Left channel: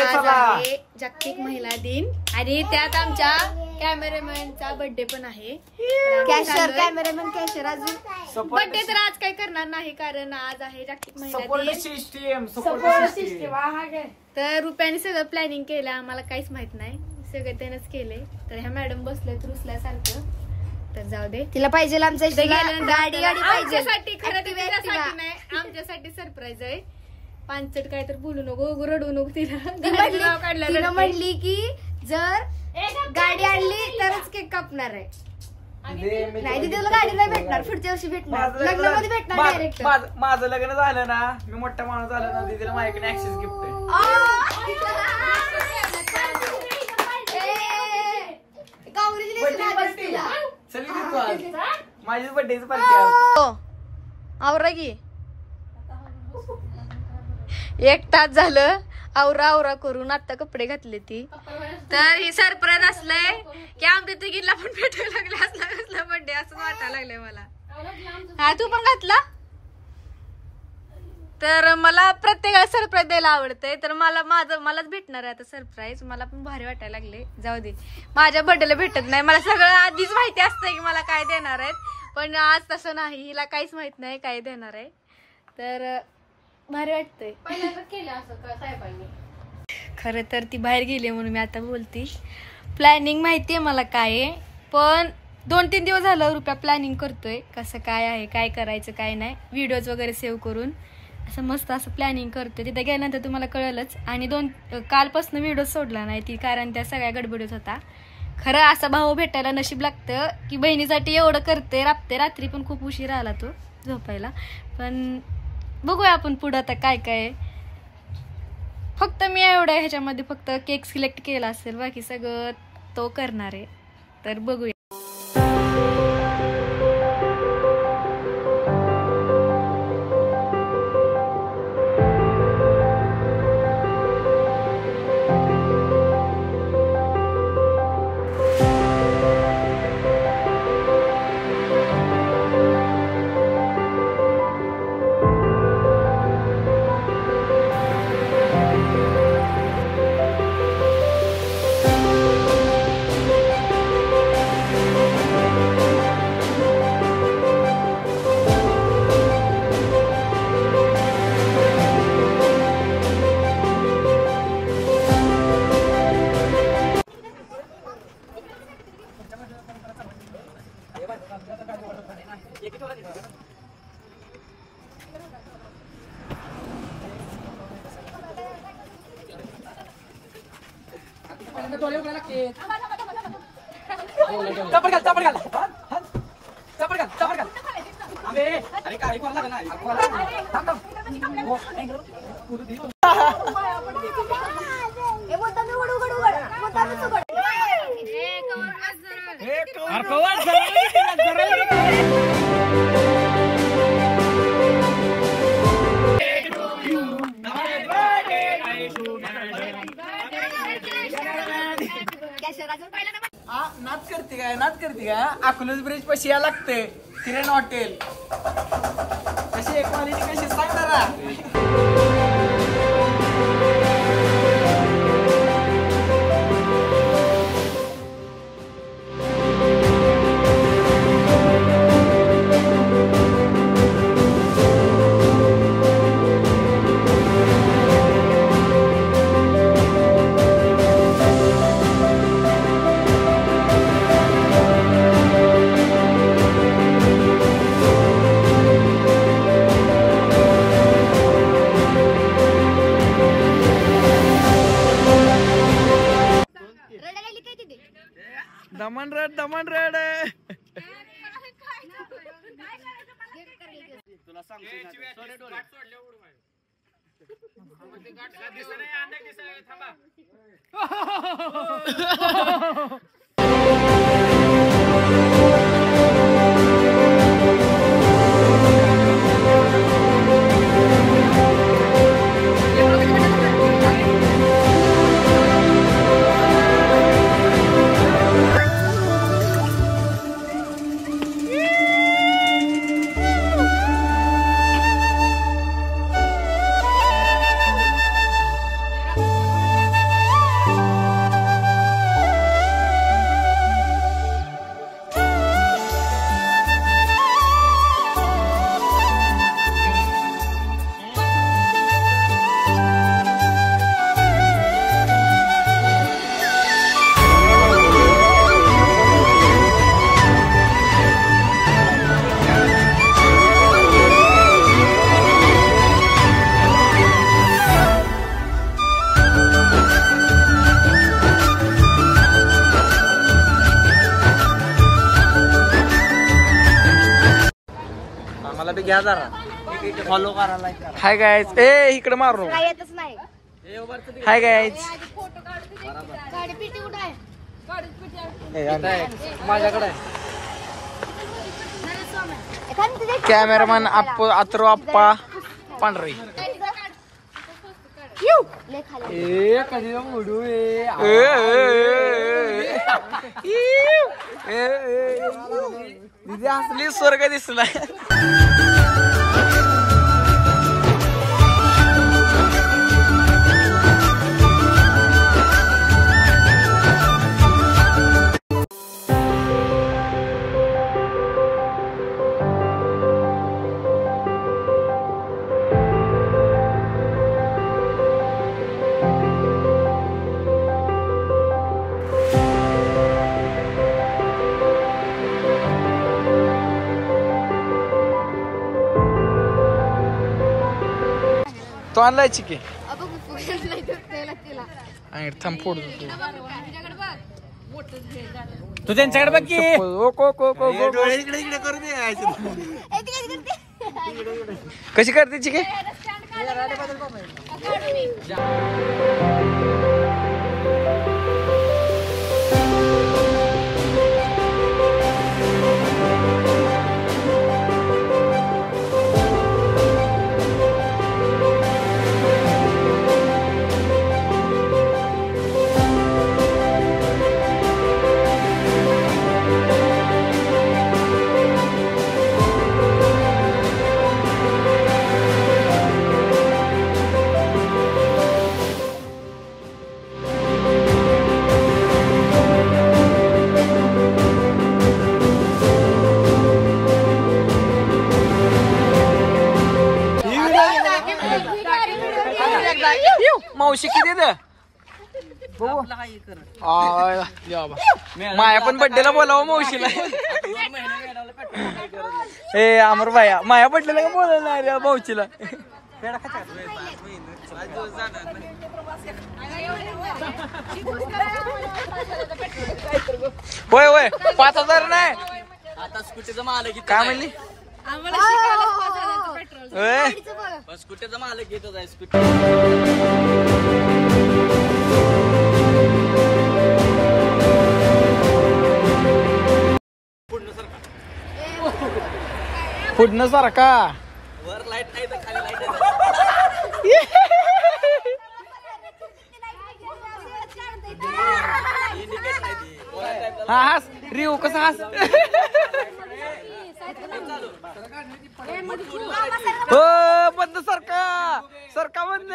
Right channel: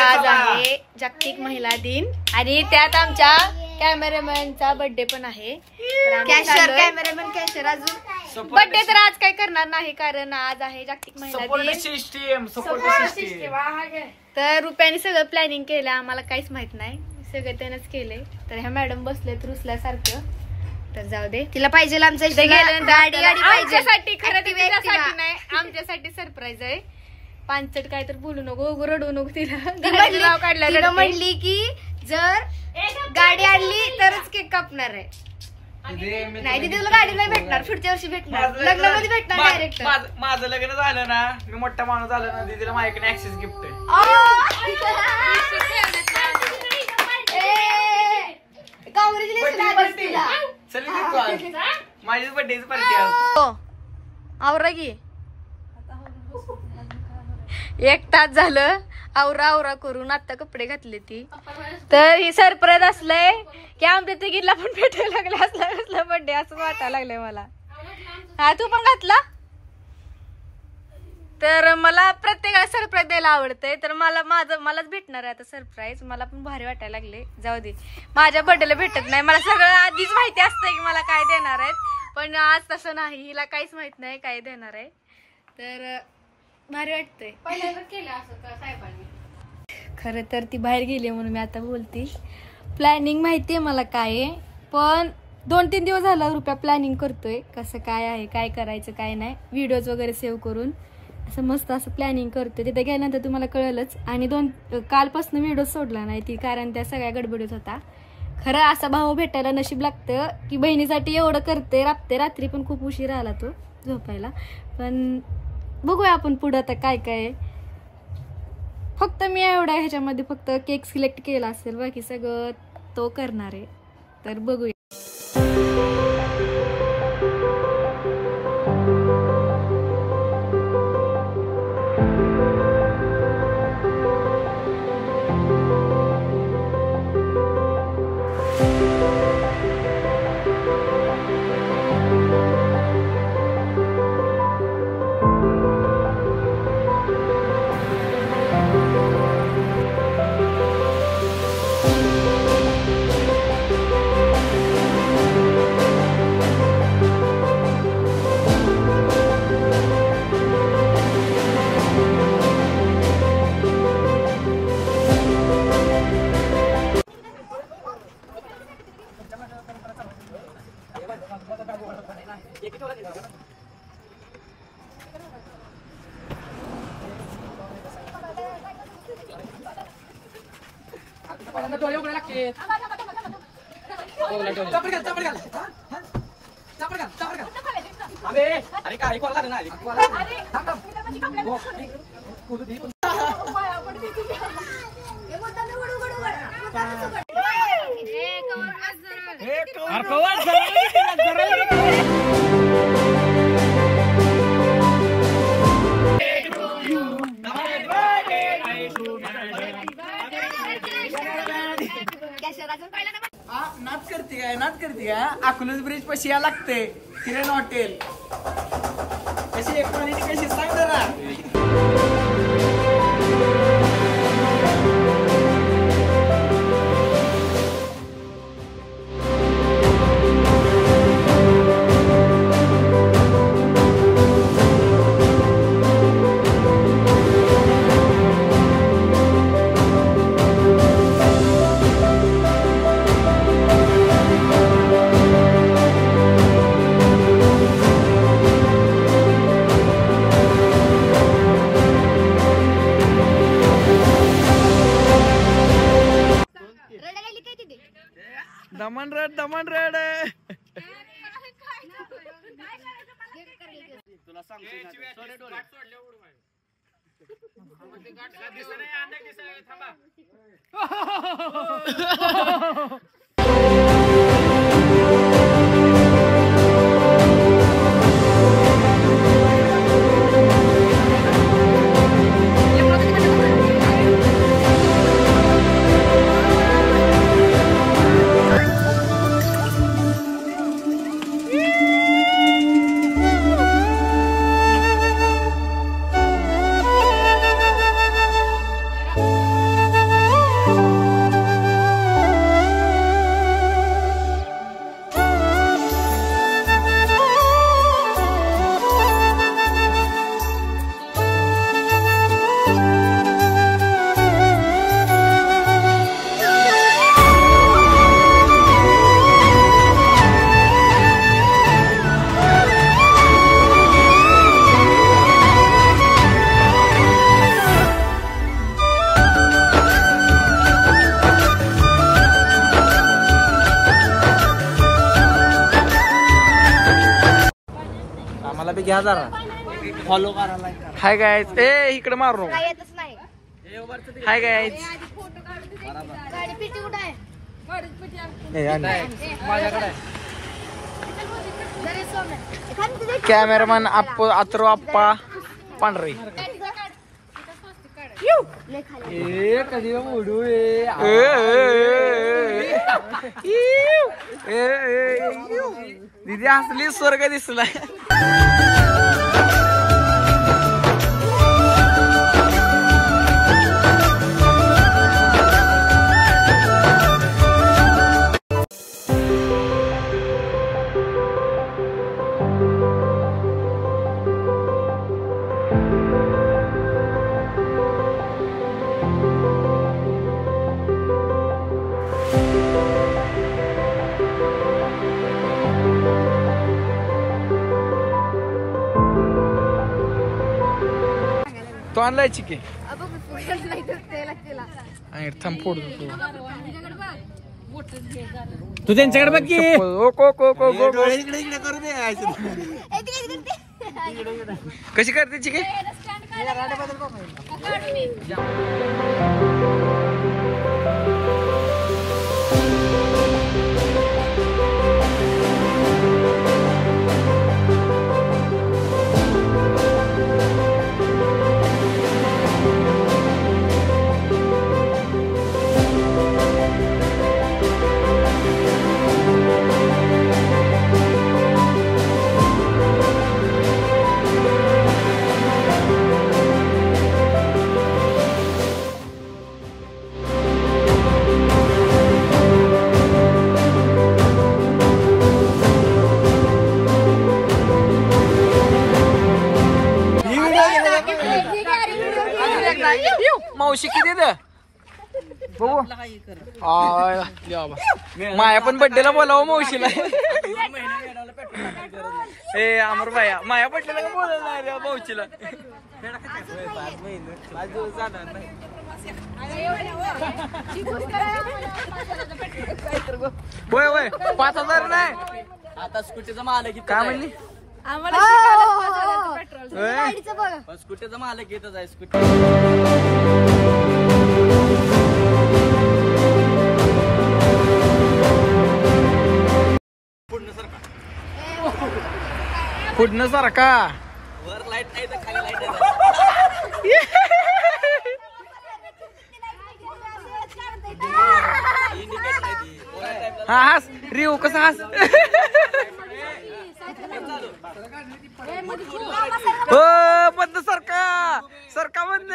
आज आहे जागतिक महिला दिन आणि त्यात आमच्या कॅमेरामॅनचा बर्थडे पण आहे. कॅमेरामॅन कॅशर अजून बर्थडे तर आज काही करणार नाही कारण आज आहे जागतिक महिला दिन. तर रुपयाने सगळं प्लॅनिंग केलं, आम्हाला काहीच माहित नाही, सगळं त्यानंच केले. तर ह्या मॅडम बसले रुसल्यासारखं. तर जाऊ दे, तिला पाहिजे आमच्यासाठी, खरं तिच्यासाठी नाही, आमच्यासाठी सरप्राईज आहे. पांचट काय तर बोलू नको, रडू नको. तिला काढलं म्हणली की जर गाडी आणली तरच केक कापणार आहे. नाही तिथे तुला गाडी नाही भेटणार, पुढच्या वर्षी भेटणार, लग्नामध्ये भेटणार डायरेक्ट. माझं लग्न झालं ना, मी मोठा माणूस झालं ना, तिला माझ्याकडे ऍक्सेस गिफ्ट आहे. माझीच बर्थडेची पार्टी आहे. आवरा की 1 तास झालं आवरा करून आता कपडे घातले ती. तर ही सरप्राईज असलंय की आमच्या तिघीला पण भेटायला लागला असला बर्थडे असं वाटायला लागलंय मला. हा तू पण घातला. तर मला प्रत्येकाला सरप्राईज द्यायला आवडतंय, तर मलाच भेटणार आहे आता सरप्राईज. मला पण भारी वाटायला लागले. जाऊ दे, माझ्या बर्थडेला भेटत नाही, मला सगळं आधीच माहिती असतंय की मला काय देणार आहेत, पण आज तसं नाही, हिला काहीच माहित नाही काय देणार आहे. तर भारी वाटतंय. खरं तर ती बाहेर गेली म्हणून मी आता बोलते. प्लॅनिंग माहितीये मला काय आहे, पण 2-3 दिवस झालं रुपया प्लॅनिंग करतोय कसं काय आहे, काय करायचं काय नाही, व्हिडिओज वगैरे सेव्ह करून असं मस्त असं प्लॅनिंग करतोय. तिथे गेल्यानंतर तुम्हाला कळलंच. आणि कालपासून व्हिडिओ सोडला नाही ती, कारण त्या सगळ्या गडबडीत होता. खरं असा भाऊ भेटायला नशीब लागतं की बहिणीसाठी एवढं करते, राबते. रात्री पण खूप उशीर आला तो झोपायला. पण बघूया आपण पुढं आता काय काय. फक्त मी एवढ्या ह्याच्यामध्ये फक्त केक सिलेक्ट केला असेल, बाकी सगळं तो करणार आहे. तर बघूया. नाच करते काय अकलूज ब्रिज पशी या लागते किरण हॉटेल. कशी एक क्वालिटी कशी सांग जरा. दमन रेड तुला फॉलो करा लाईक करा. हाय गायज ए इकडे मारू नको. हाय गायज कॅमेरामॅन अथर्व आप्पा पांढरे. कधी मुडू दिदी हसली स्वर्ग दिसला. तो आणलाय चिके थांब फोड तू त्यांच्याकडे बघ की. कशी करते चिके. मावशी किती द बघू. माया पण बड्डेला बोलावं मावशीला. ए अमर भाया माया बड्डेला का बोलायला नाही रे मावशीला. होय होय 5,000 नाही आता स्कूटीचं मालक काय म्हणली. आम्हाला स्कूटीचं मालक येतच आहे. स्कूटी पुढनं सारखा वर लाईट नाही तर खाली लाईट. हा हास रिव कसा हास. हो बंद सरका सरका बंद.